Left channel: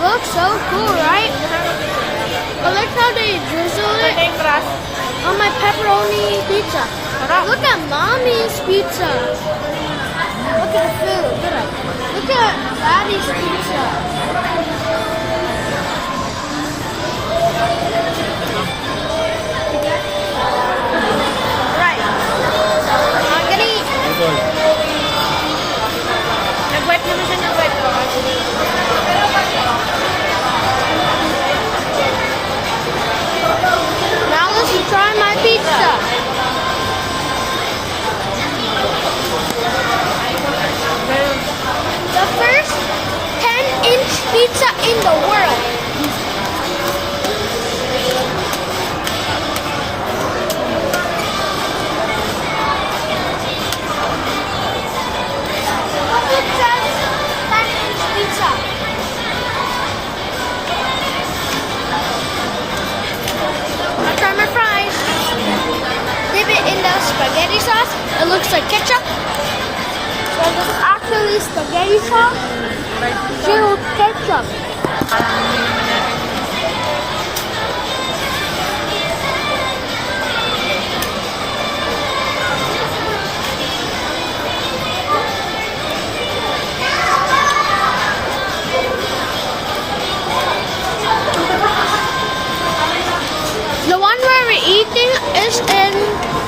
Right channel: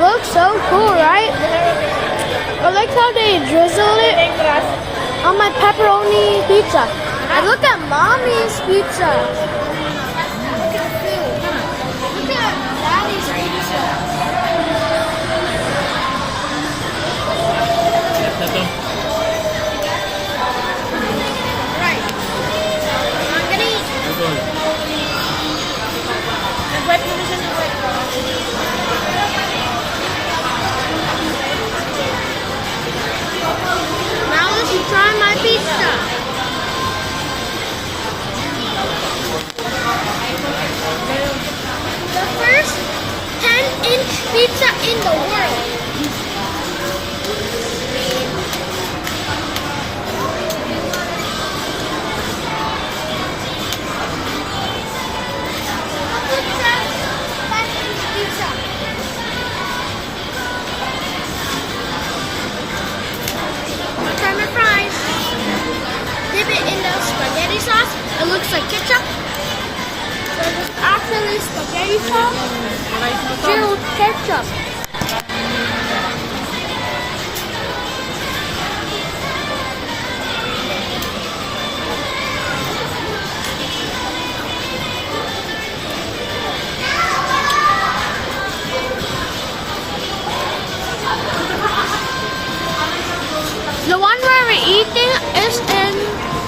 Looks so cool, right? But look how they drizzled it on my pepperoni pizza. And look at mommy's pizza. Look at the food. Look at daddy's pizza. Right. I'm gonna eat. Nag-wipe naman siya ng wipe. Now let's try my pizza. The first 10-inch pizza in the world. Pizza. I'll try my fries. Dip it in the spaghetti sauce. It looks like ketchup. But it's actually spaghetti sauce filled with ketchup. The one where we're eating is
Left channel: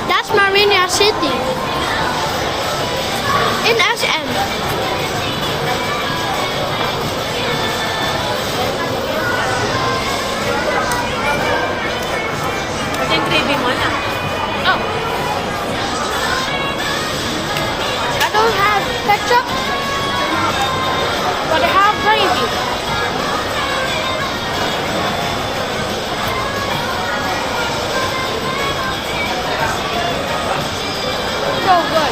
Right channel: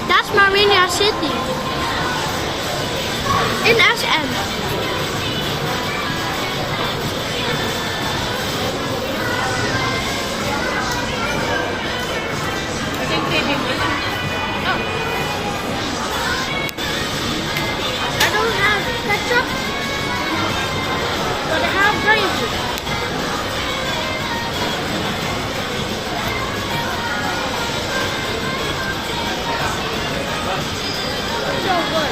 that's Marina City. In SM. Ito yung craving mo na. Oh. I don't have ketchup, but I have gravy. So good.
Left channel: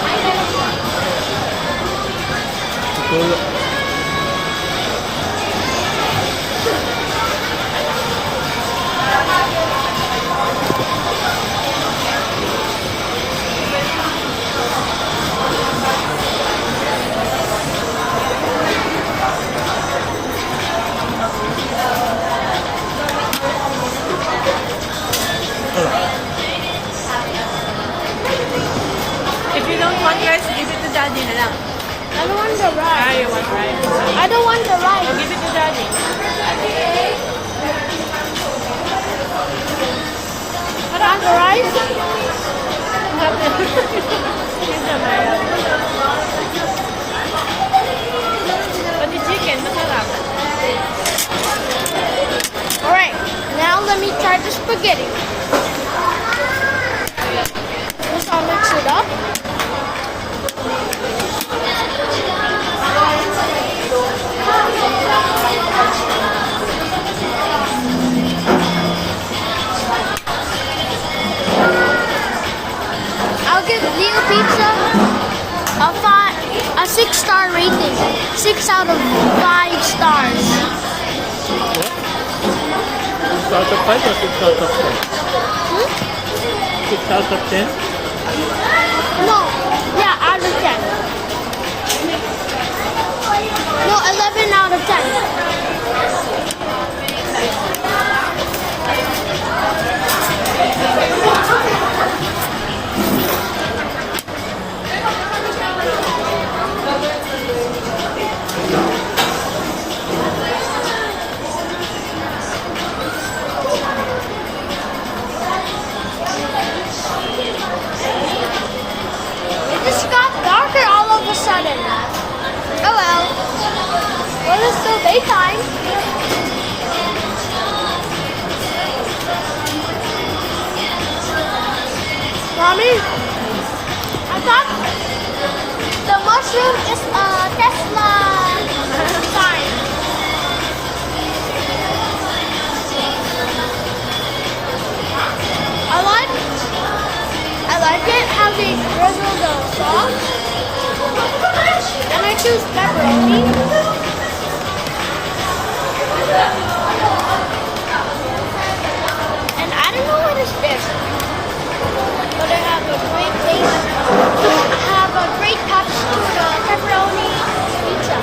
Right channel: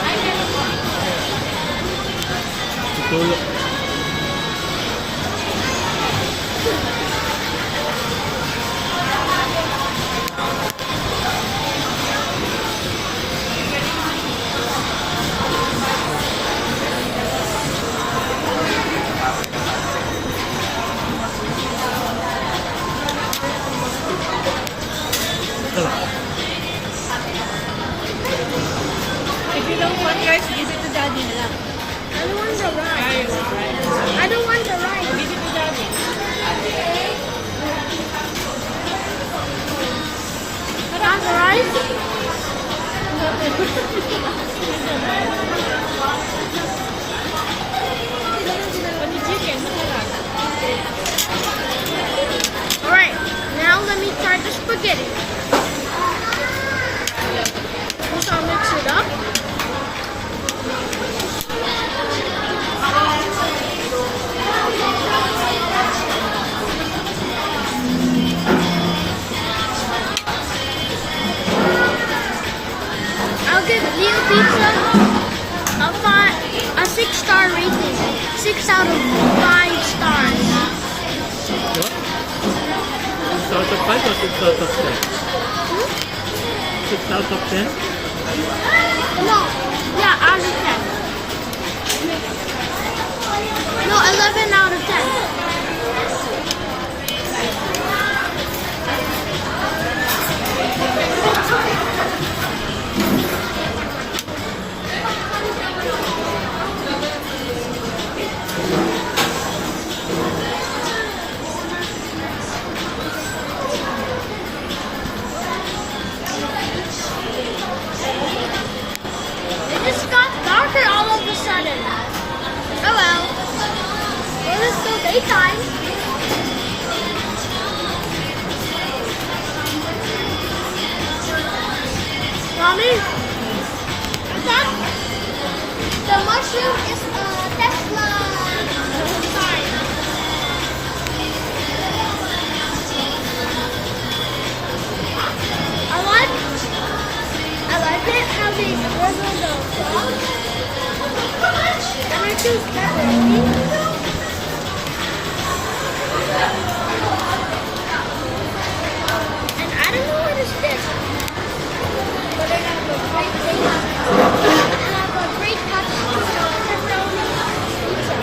If you don't want rice, give it to daddy na lang. I don't want the rice. Ah, you want rice. I don't want the Oh, rice. give it to daddy. I don't want the rice. Pati chicken, masarap. Alright, now let me try the spaghetti. Just I'll mix it up. I'll give Leo Pizza a 6-star rating. 6 out of 5 stars. 6 out of 5 or 6 out of 10? 6 out of 10? No, yeah, out of 10. No, 11 out of 10. It just got darker all of a sudden. Oh well. Well, it's still daytime. Mommy, I thought the mushroom is a Tesla sign. I like it how they drizzle the sauce. And I choose pepperoni. And I don't know what is this. But I have a great taste. I have a great touch to the pepperoni pizza.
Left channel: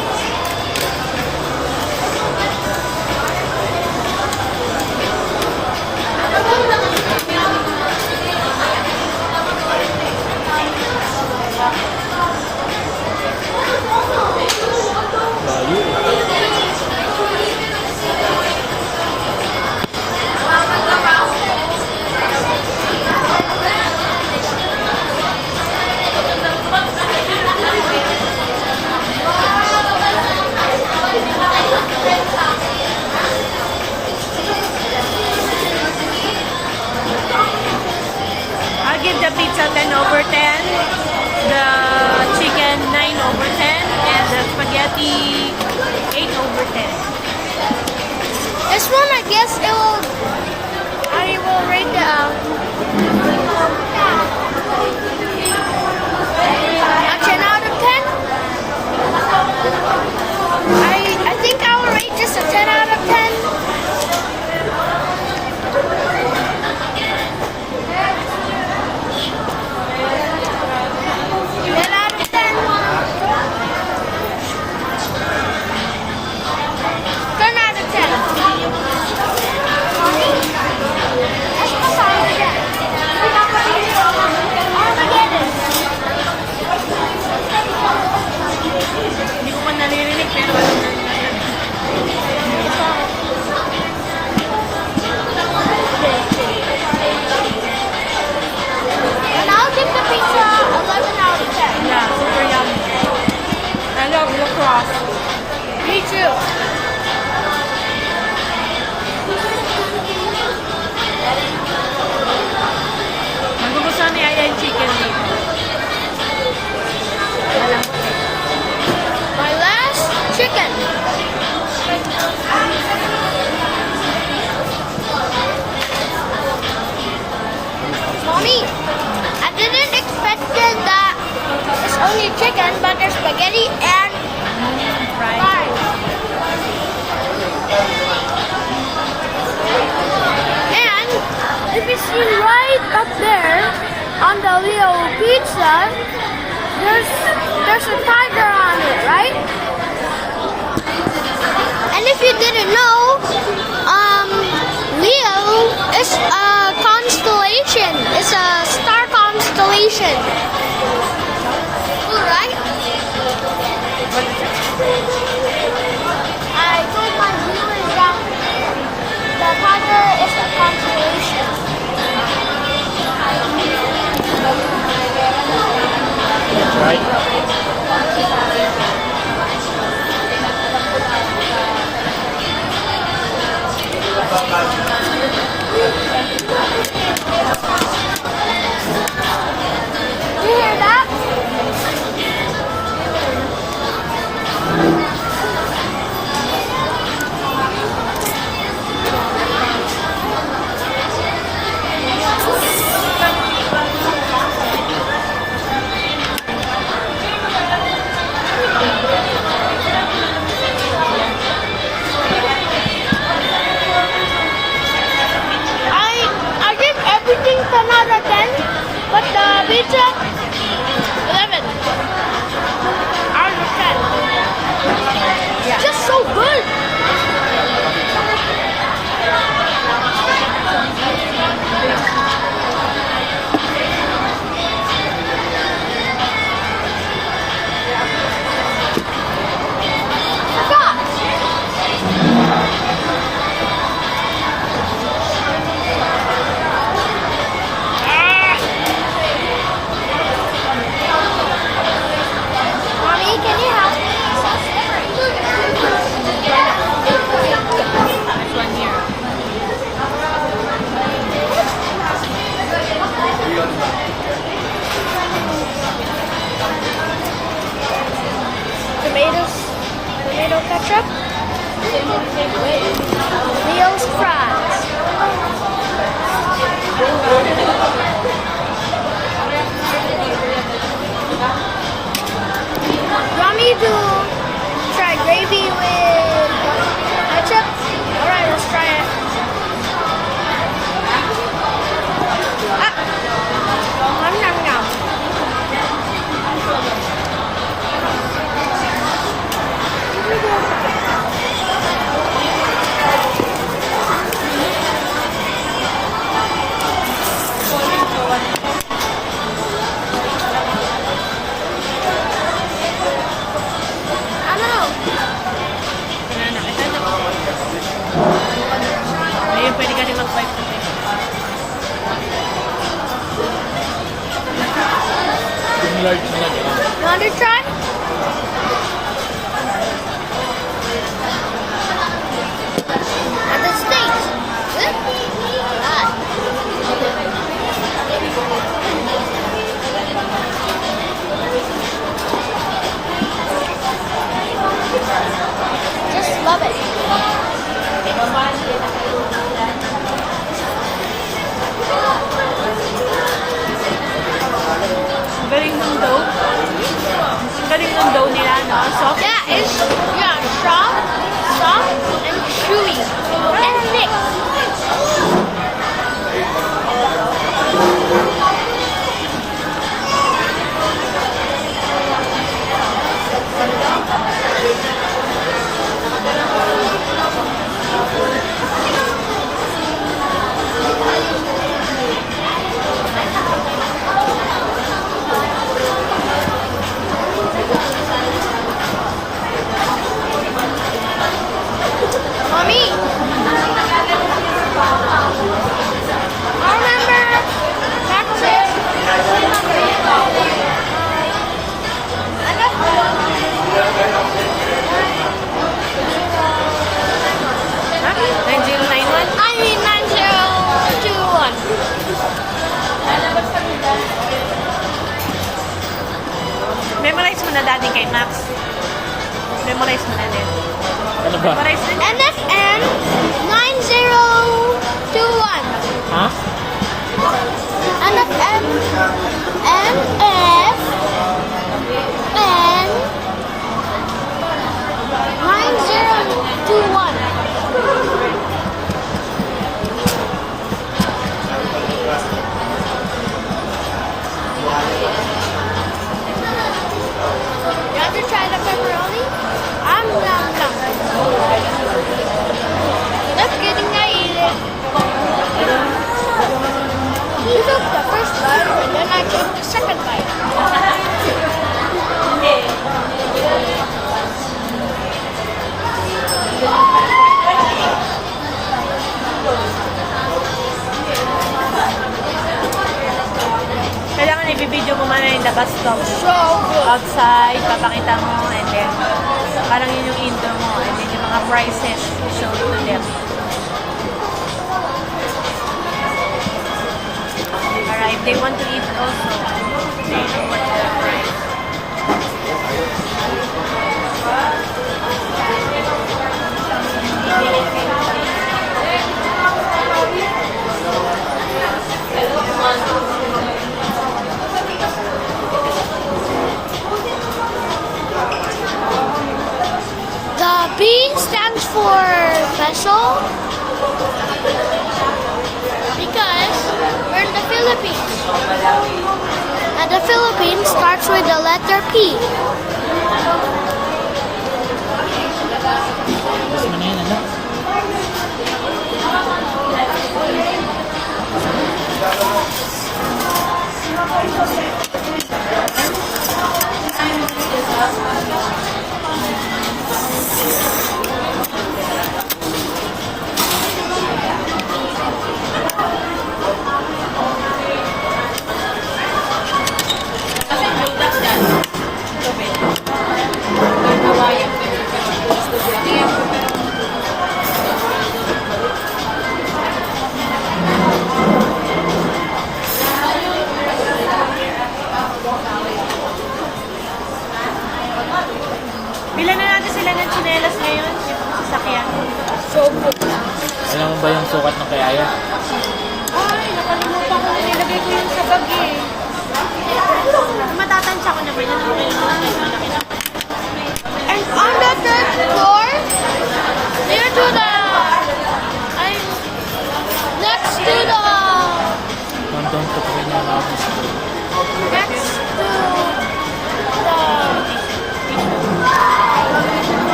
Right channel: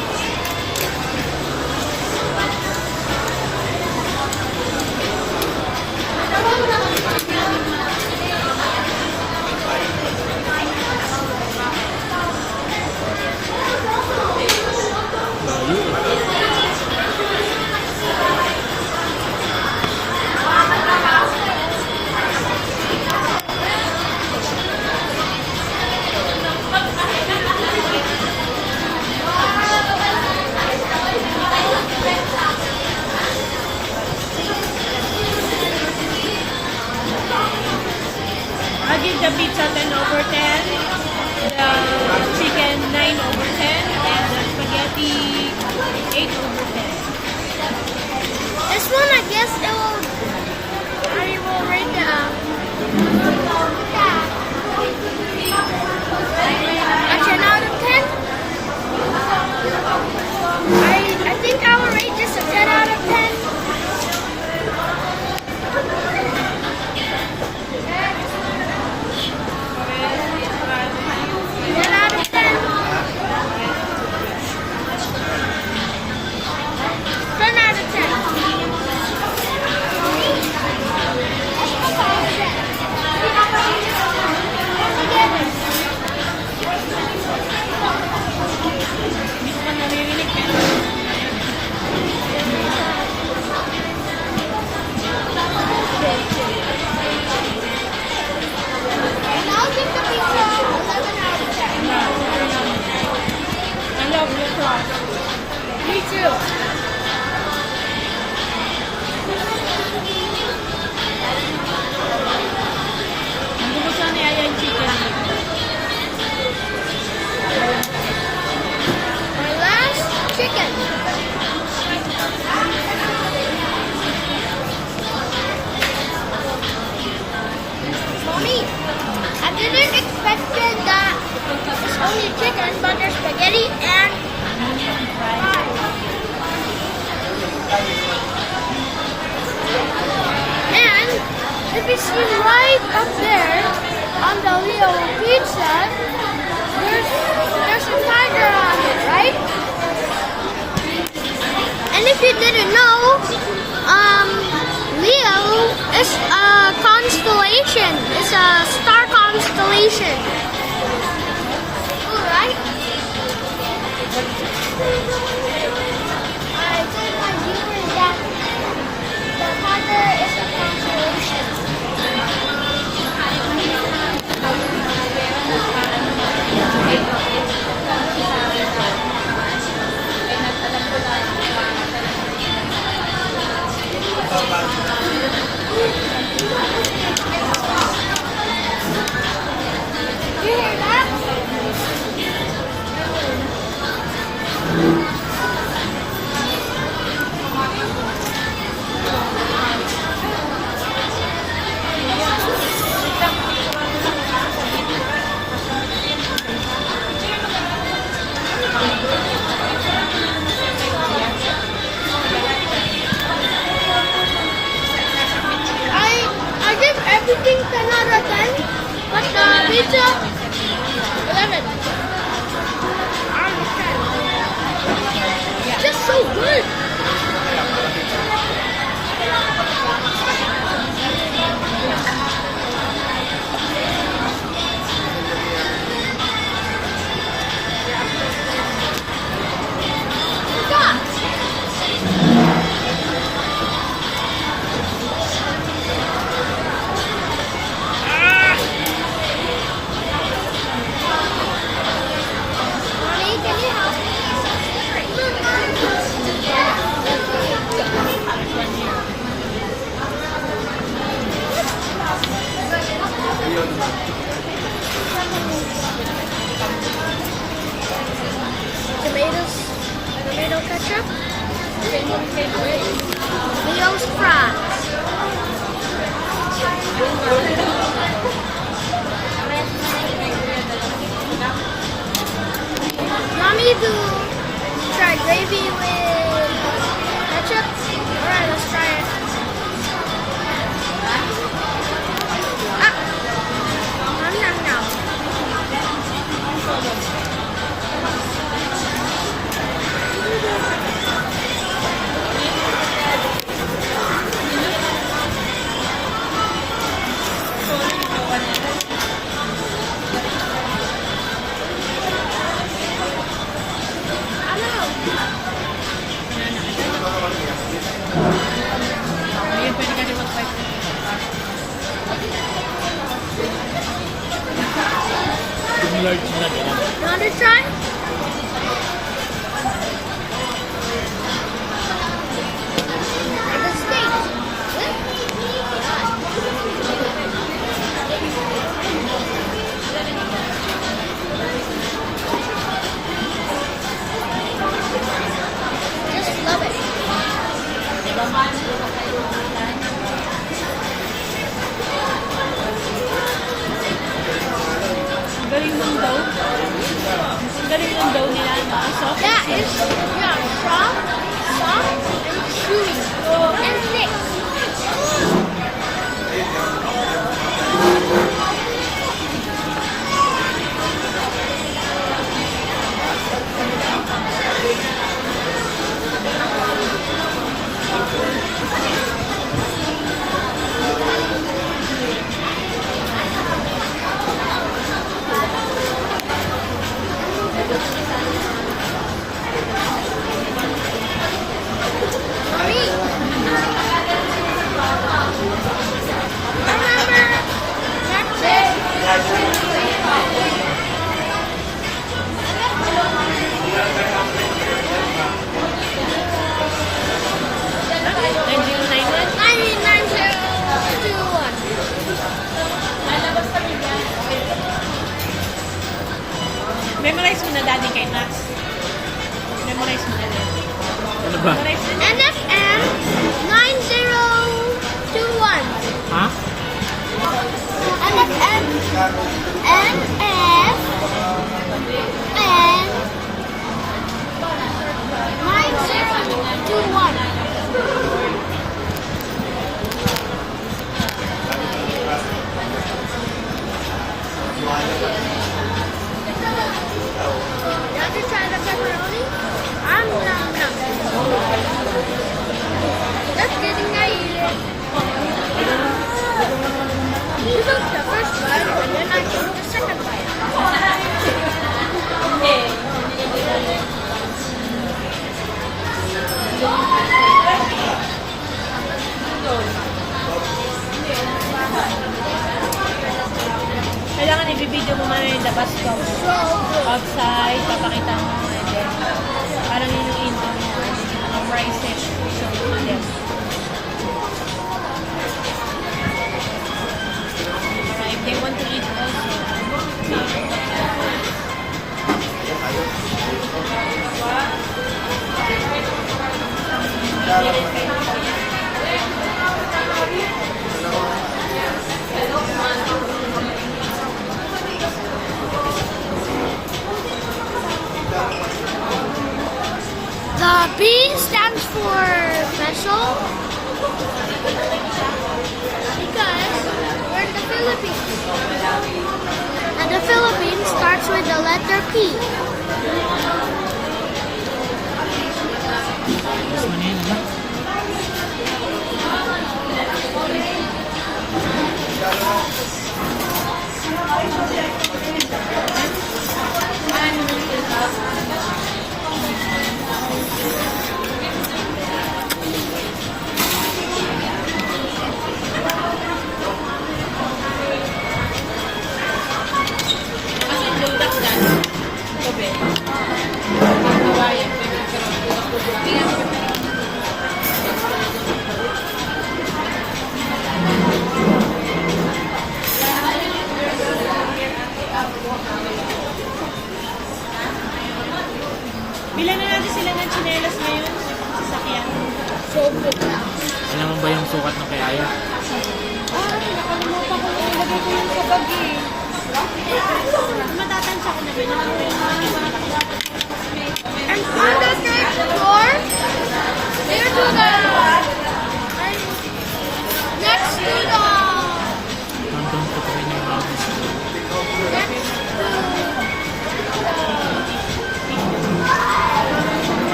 pizza 10 over 10, the chicken 9 over 10, and the spaghetti 8 over 10. This one, I guess I will rate it a 10 out of 10. I think I will rate this a 10 out of 10. 10 out of 10. 10 out of 10. Mommy, let's go Armageddon. Armageddon. Hindi ko pa naririnig pero ano na. And I'll give the pizza 11 out of 10. Yeah, super yummy. I love the cross. Me too. Magugustuhan ni Aya yung chicken dito. My last chicken. Mommy, I didn't expect that it's only chicken, but there's spaghetti and fries. And if it's right up there on the little pizza, there's a tiger on it, right? And if you didn't know, Leo is a constellation. It's a star constellation. All right. I told my viewers that the tiger is a constellation. Right? You hear that? I give everything 10 out of 10, but the pizza 11 out of 10. Just so good. Mommy, can you help me? There's one here. Tomato ketchup. Leo's fries. Want me to try gravy with ketchup? Alright, let's try it. Nom nom nom. Ano? Banana. Ito. Ayun, pwede ka rin mag-fight. Yung large na lang. You want to try? At the States. Alright. Ang galing ng dough. Ang galing ng dough nila, no? Soft. Yeah, it's soft and chewy and thick. Mommy, I remember back then. I left 9091? I need 9021. Memorize mo na dati kay Max. Memorize mo na din. Ano ba? Memorize din. NFN 9021. Ha? NFN NFN 9021. You have to try the pepperoni? Nom. Just kidding, I eat it. He took the first bite and then I took the second bite. Kailangan i-video mo man yung the bus stop. So good. Outside, papakita mo, and then parang yun yung intro mo, and then yung mga prices, show to them. Alright, they want to eat also. They know what the price. The B stands for vessel because we're in the Philippines. And the Philippines starts with the letter P. Mas mo na yun, ano? Bilan na natin sila ng tsinelas ngayon, sasakyan. So good. Alam mo ba yung sukat ng kay Aya? Ay, nakalimutan ko. Nilagay ko yun sa bag eh. Matatansya ko naman yun. Ngayon mga malaki na ko. And on the third floor, near to the, I'm next to the, Hanggang tutukin niya ang mga gusto. next to the,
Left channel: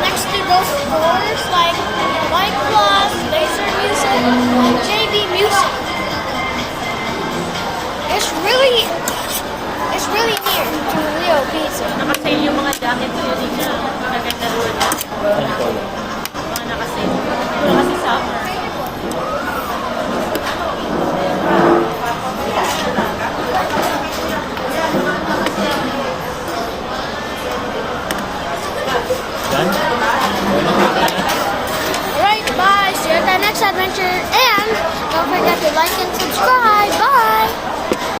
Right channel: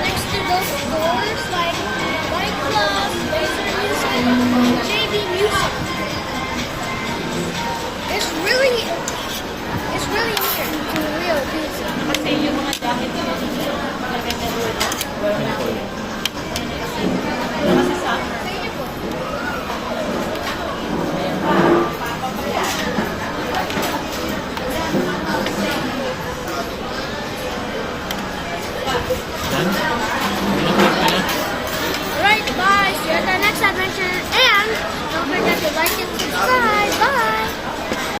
next to those stores like White Plus, Laser Music, and JB Music. It's really near to Rio Pizza. Nakasale yung mga jacket ko din niya. Maganda doon. Ano to? Mga nakasale. Wala kasi summer. Yan? Ano to tayo? Alright, bye. See you at the next adventure. And don't forget to like and subscribe. Bye.